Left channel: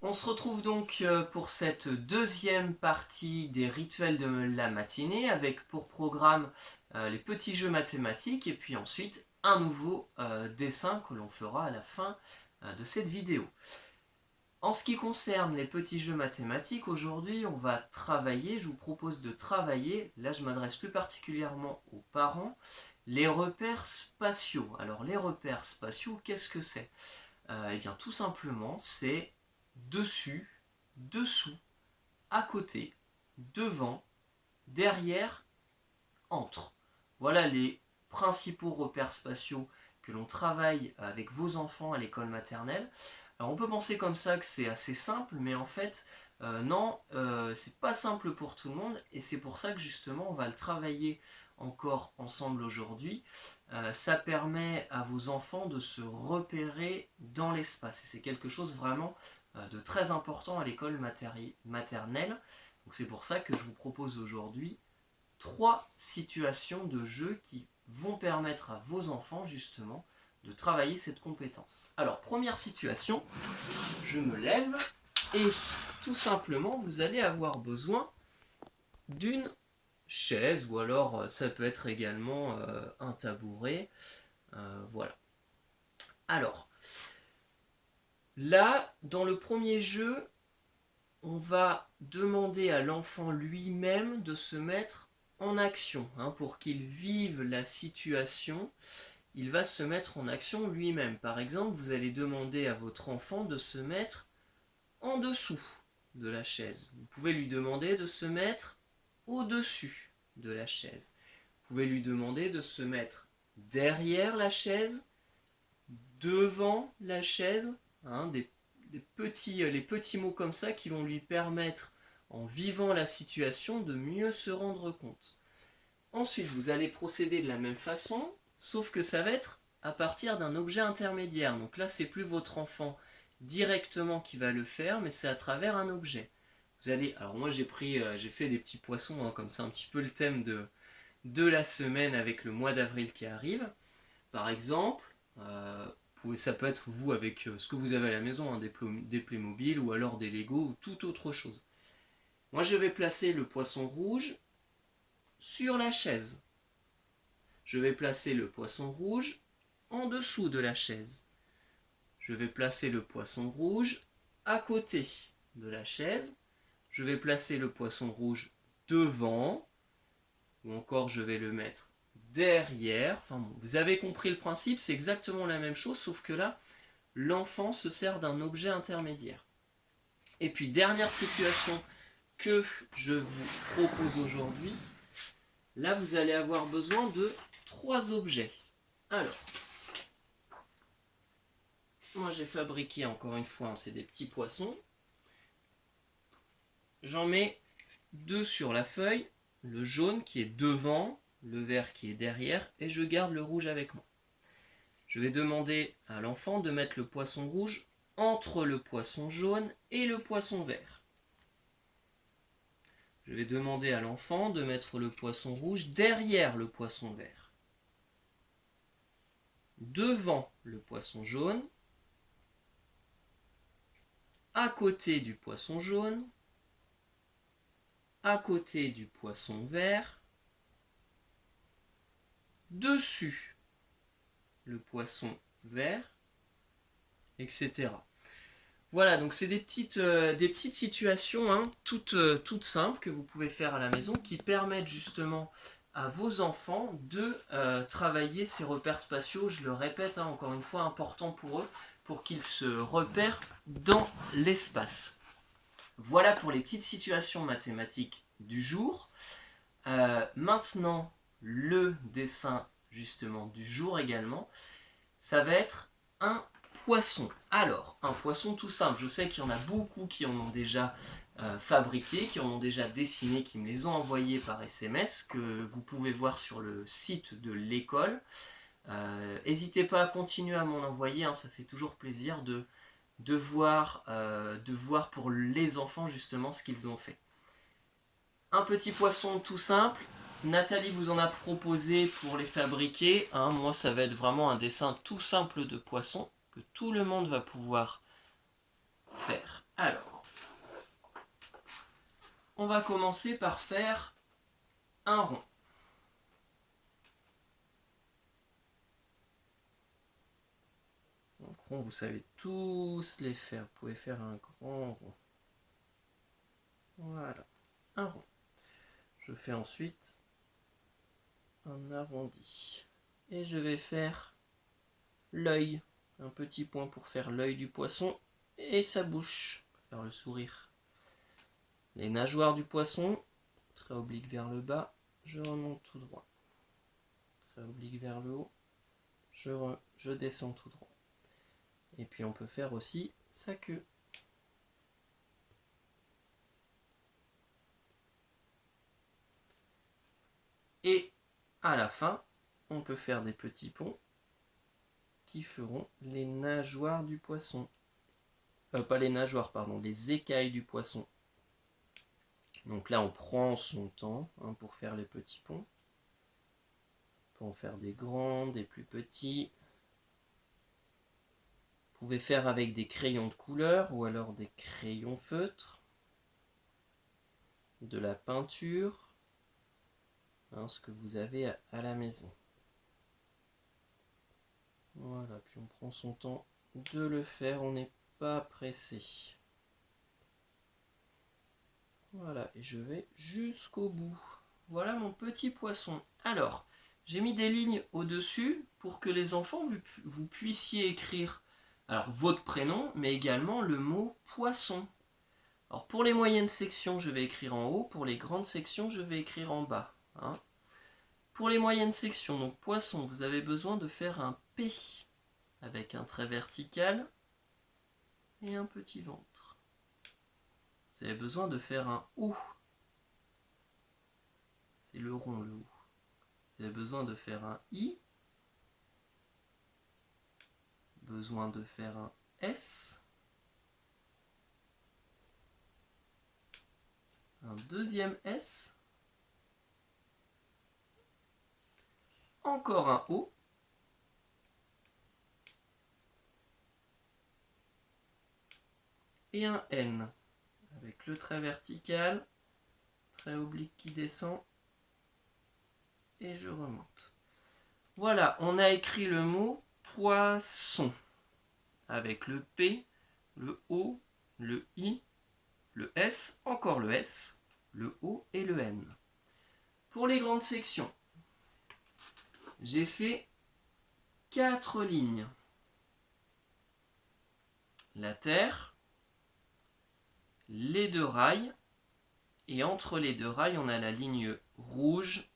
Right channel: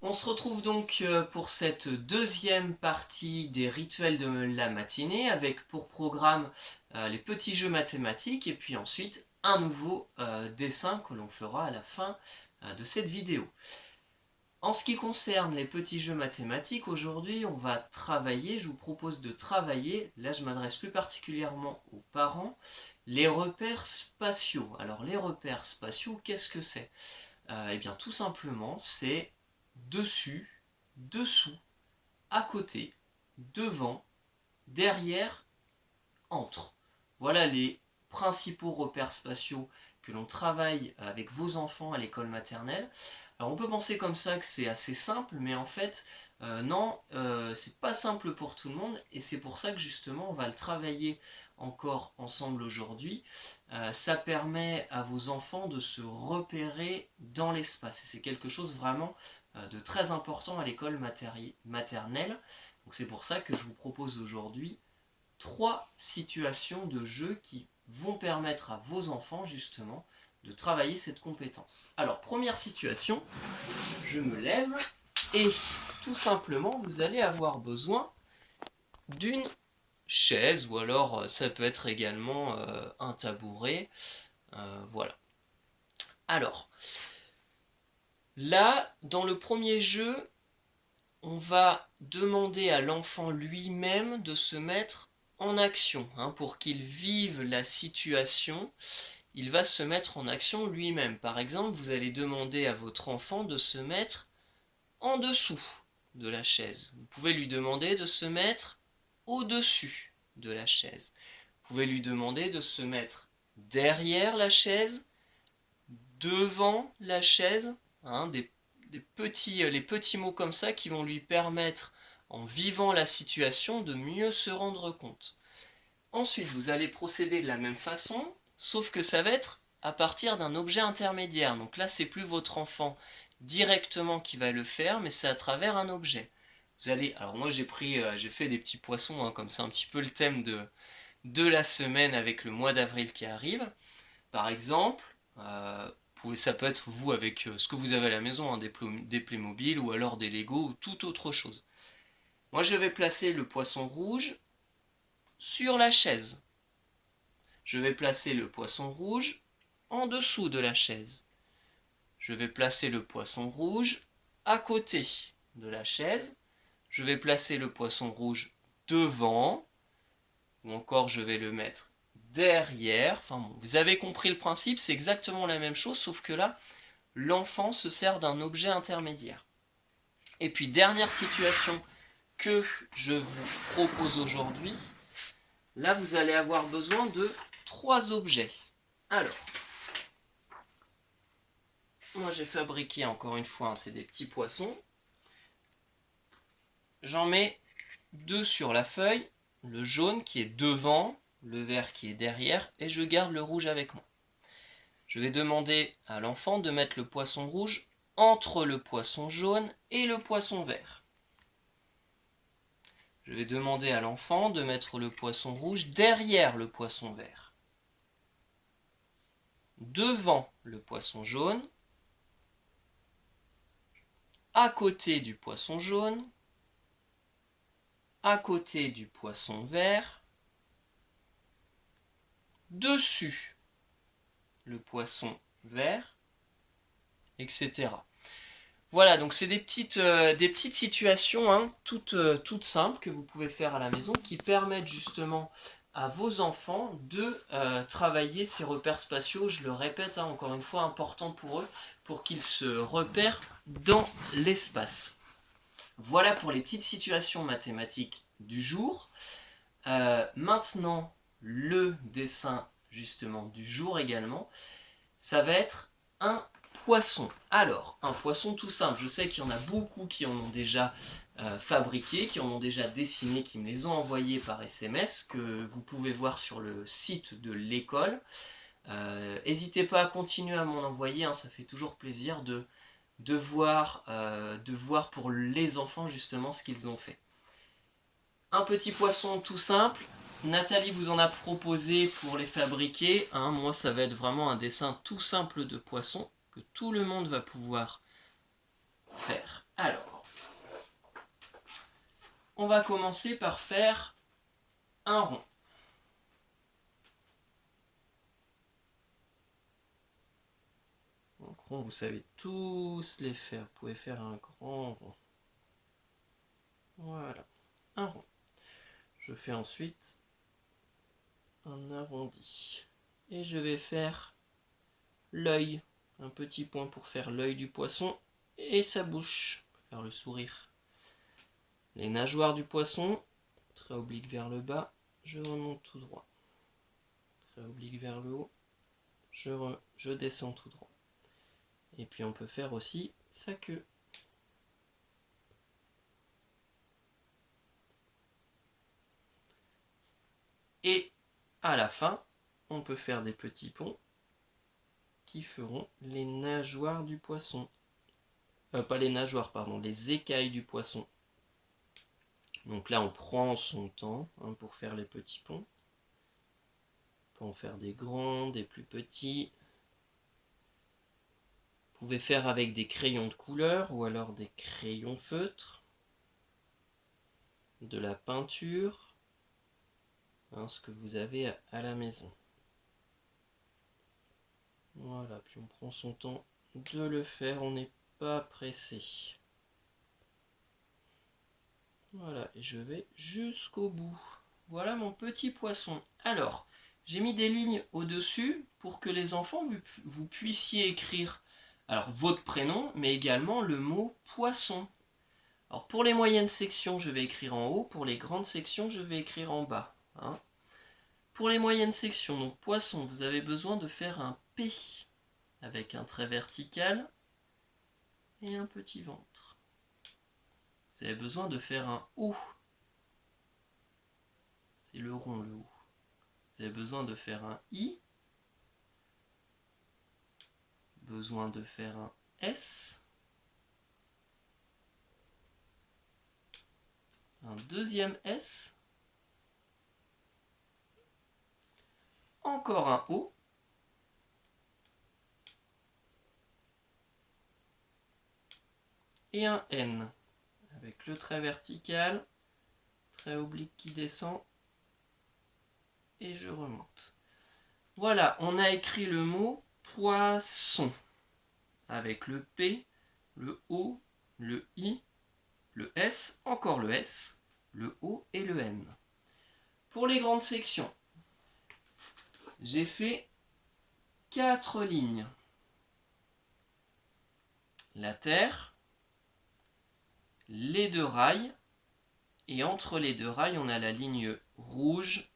On se retrouve donc pour cette deuxième partie des rituels de la matinée avec pour programme les petits jeux mathématiques et puis ensuite un nouveau dessin que l'on fera à la fin de cette vidéo. En ce qui concerne les petits jeux mathématiques, aujourd'hui on va travailler, je vous propose de travailler, là je m'adresse plus particulièrement aux parents, les repères spatiaux. Alors les repères spatiaux, qu'est-ce que c'est? Eh bien tout simplement c'est dessus, dessous, à côté, devant, derrière, entre. Voilà les principaux repères spatiaux que l'on travaille avec vos enfants à l'école maternelle. Alors on peut penser comme ça que c'est assez simple, mais en fait, non, c'est pas simple pour tout le monde, et c'est pour ça que justement on va le travailler encore ensemble aujourd'hui. Ça permet à vos enfants de se repérer dans l'espace, et c'est quelque chose vraiment de très important à l'école maternelle. Donc c'est pour ça que je vous propose aujourd'hui 3 situations de jeu qui vont permettre à vos enfants justement de travailler cette compétence. Alors, première situation, je me lève et tout simplement, vous allez avoir besoin d'une chaise ou alors ça peut être également un tabouret. Voilà. Alors, là, dans le premier jeu, on va demander à l'enfant lui-même de se mettre en action, pour qu'il vive la situation. Il va se mettre en action lui-même. Par exemple, vous allez demander à votre enfant de se mettre en dessous de la chaise. Vous pouvez lui demander de se mettre au-dessus de la chaise. Vous pouvez lui demander de se mettre derrière la chaise, devant la chaise, les petits mots comme ça qui vont lui permettre, en vivant la situation, de mieux se rendre compte. Ensuite, vous allez procéder de la même façon, sauf que ça va être à partir d'un objet intermédiaire. Donc là, c'est plus votre enfant directement qui va le faire, mais c'est à travers un objet. Vous allez, alors moi j'ai fait des petits poissons, comme c'est un petit peu le thème de la semaine avec le mois d'avril qui arrive. Par exemple, ça peut être vous avec ce que vous avez à la maison, des Playmobil ou alors des Lego ou toute autre chose. Moi je vais placer le poisson rouge sur la chaise. Je vais placer le poisson rouge en dessous de la chaise. Je vais placer le poisson rouge à côté de la chaise. Je vais placer le poisson rouge devant, ou encore je vais le mettre derrière. Enfin bon, vous avez compris le principe, c'est exactement la même chose, sauf que là, l'enfant se sert d'un objet intermédiaire. Et puis, dernière situation que je vous propose aujourd'hui, là, vous allez avoir besoin de 3 objets. Alors, moi j'ai fabriqué encore une fois, c'est des petits poissons. J'en mets 2 sur la feuille, le jaune qui est devant, le vert qui est derrière, et je garde le rouge avec moi. Je vais demander à l'enfant de mettre le poisson rouge entre le poisson jaune et le poisson vert. Je vais demander à l'enfant de mettre le poisson rouge derrière le poisson vert, devant le poisson jaune, à côté du poisson jaune, à côté du poisson vert, dessus le poisson vert, etc. Voilà, donc c'est des petites situations toutes simples que vous pouvez faire à la maison qui permettent justement à vos enfants de travailler ces repères spatiaux, je le répète, encore une fois, important pour eux, pour qu'ils se repèrent dans l'espace. Voilà pour les petites situations mathématiques du jour. Maintenant, le dessin justement du jour également, ça va être un poisson. Alors, un poisson tout simple. Je sais qu'il y en a beaucoup qui en ont déjà fabriqué, qui en ont déjà dessiné, qui me les ont envoyés par SMS, que vous pouvez voir sur le site de l'école. N'hésitez pas à continuer à m'en envoyer, ça fait toujours plaisir de voir pour les enfants justement ce qu'ils ont fait. Un petit poisson tout simple. Nathalie vous en a proposé pour les fabriquer. Moi, ça va être vraiment un dessin tout simple de poisson que tout le monde va pouvoir faire. Alors, va commencer par faire un rond. Donc rond, vous savez tous les faire. Vous pouvez faire un grand rond. Voilà, un rond. Je fais ensuite un arrondi. Et je vais faire l'œil. Un petit point pour faire l'œil du poisson et sa bouche. Pour faire le sourire. Les nageoires du poisson. Trait oblique vers le bas. Je remonte tout droit. Trait oblique vers le haut. Je descends tout droit. Et puis on peut faire aussi sa queue. Et à la fin, on peut faire des petits ponts qui feront les nageoires du poisson. Pas les nageoires, pardon, les écailles du poisson. Donc là, on prend son temps pour faire les petits ponts. On peut en faire des grands, des plus petits. Vous pouvez faire avec des crayons de couleur ou alors des crayons feutres, de la peinture, ce que vous avez à la maison. Voilà, puis on prend son temps de le faire, on n'est pas pressé. Voilà, et je vais jusqu'au bout. Voilà mon petit poisson. Alors, j'ai mis des lignes au-dessus pour que les enfants, vous puissiez écrire alors votre prénom, mais également le mot poisson. Alors pour les moyennes sections, je vais écrire en haut. Pour les grandes sections, je vais écrire en bas. Pour les moyennes sections, donc poisson, vous avez besoin de faire un P avec un trait vertical et un petit ventre. Vous avez besoin de faire un O. C'est le rond, le O. Vous avez besoin de faire un I. Besoin de faire un S. Un deuxième S. Encore un O. Et un N. Avec le trait vertical, trait oblique qui descend. Et je remonte. Voilà, on a écrit le mot poisson. Avec le P, le O, le I, le S, encore le S, le O et le N. Pour les grandes sections, j'ai fait 4 lignes. La terre, les 2 rails, et entre les 2 rails, on a la ligne rouge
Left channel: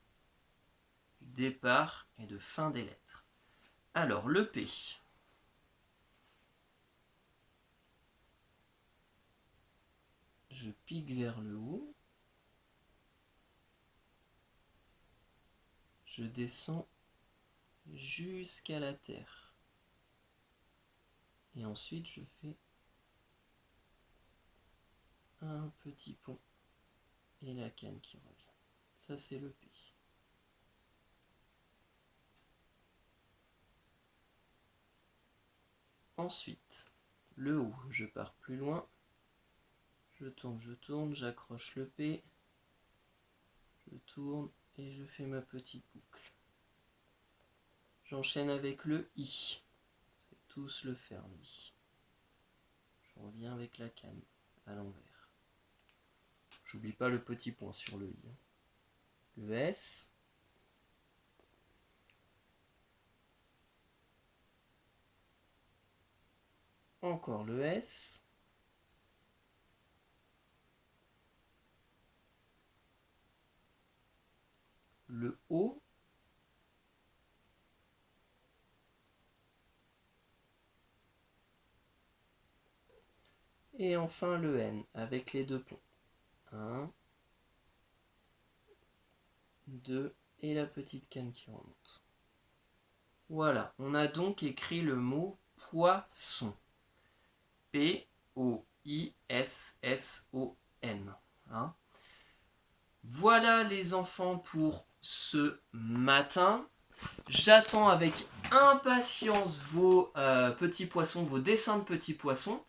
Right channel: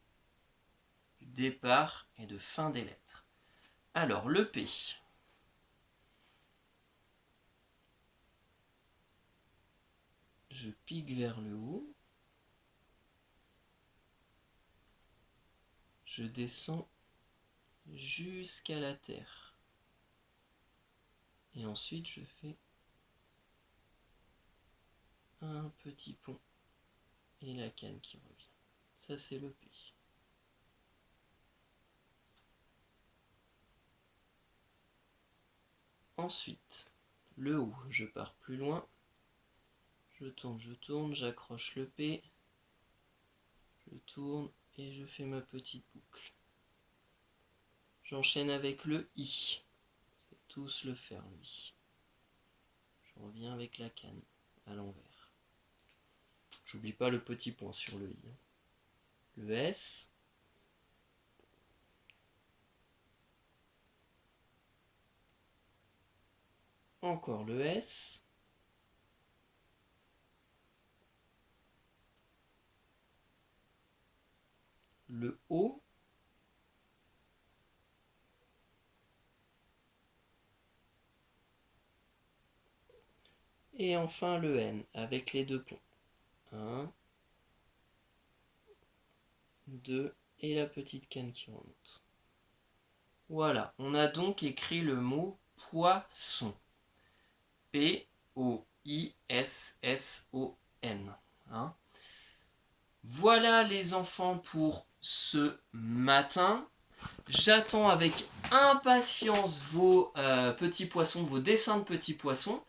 du départ et de fin des lettres. Alors, le P. Je pique vers le haut. Je descends jusqu'à la terre. Et ensuite, je fais un petit pont et la canne qui revient. Ça, c'est le P. Ensuite, le O, je pars plus loin. Je tourne, j'accroche le P. Je tourne et je fais ma petite boucle. J'enchaîne avec le I. Je vais tous le faire, lui. Je reviens avec la canne à l'envers. J'oublie pas le petit point sur le I. Le S. Encore le S. Le O. Et enfin le N avec les 2 ponts. 1, 2 et la petite canne qui remonte. Voilà, on a donc écrit le mot poisson. P-O-I-S-S-O-N. Voilà les enfants pour ce matin. J'attends avec impatience vos petits poissons, vos dessins de petits poissons.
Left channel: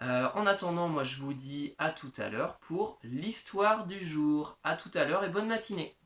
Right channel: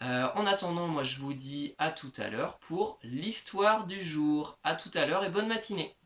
En attendant, moi je vous dis à tout à l'heure pour l'histoire du jour. À tout à l'heure et bonne matinée.